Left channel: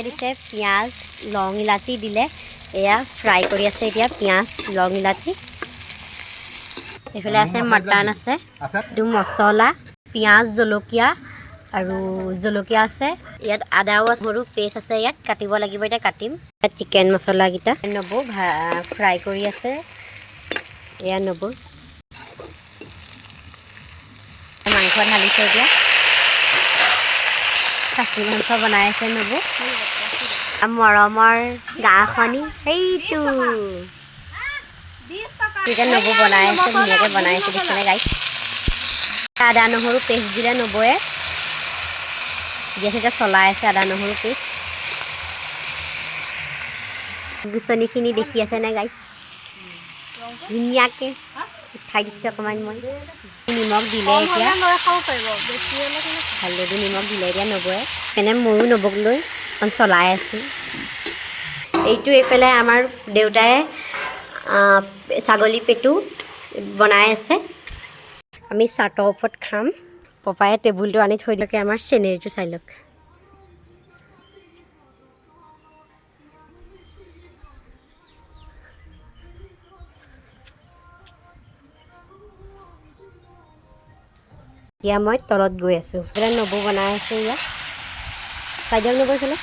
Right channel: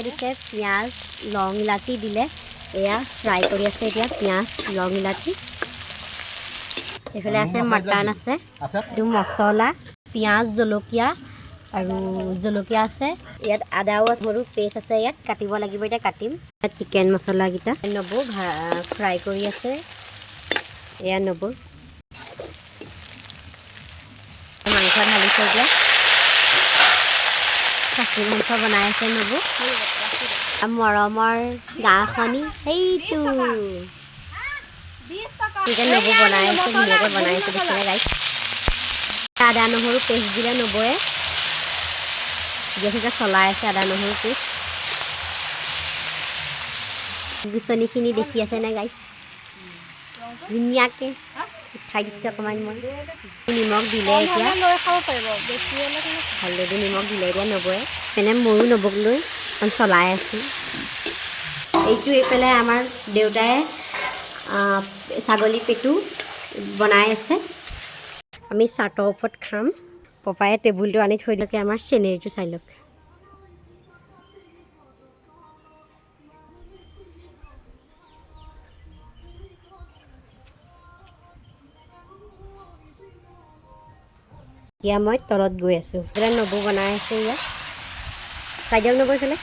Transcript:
এয়াই দিছে পিঁয়াজ লং ইলাচি দিলে এয়া ফ্ৰাই কৰি আছে এতিয়া পিঁয়াজ লং ইলাচি এইফালে আছে মটন আছে এইটো মছলা পিঁয়াজ জলকীয়া আৰু জলকীয়া আছে ইয়াত আদাও আছে সৰু পেষ্ট আছে ইয়াত কাটিব লাগিব এতিয়া কাটিম ইয়াত চিকেন মছলাকেইটা নবৌ ফ্ৰাই কৰি আছে এয়া নবৌ মাংস ঢালিছে এতিয়া খাচী মাংস বনাই আছে নবৌ মৰমৰ গাঁওখনি সেইটো নবৌ বনাই আছে ধুনীয়াকৈ বনাই আছে দেখিলে গাইছ আদা নহৰু পেষ্ট দিলে নবৌয়ে গেছ এতিয়া চলাই আছে আদা নহৰু পেষ্ট গুচনিখিনি দেখি আছে নে গাইছ ধুনীয়াকৈ উঠাই দিছে অকণমান মই নিমখ দিলে এতিয়া হালধি নিমখ দিলে এতিয়া নবৌয়ে এনে ময়ো নবৌক লৈ অকণ চলাই আছোঁ এইটো এইফালে আমাৰ দেউতাই ছাগলী পেটু বনাই আছে আমি চাটৰ ওপৰত খাম পপায়ে টেবুলটো আনি থৈ দিয়ক আমাৰ চেনেৰীটো চাই লওক এতিয়া মই তলত গৈ আছোঁ এতিয়া নবৌ বনাই আছে ইয়াত চাই দিয়ক নবৌ এইফালে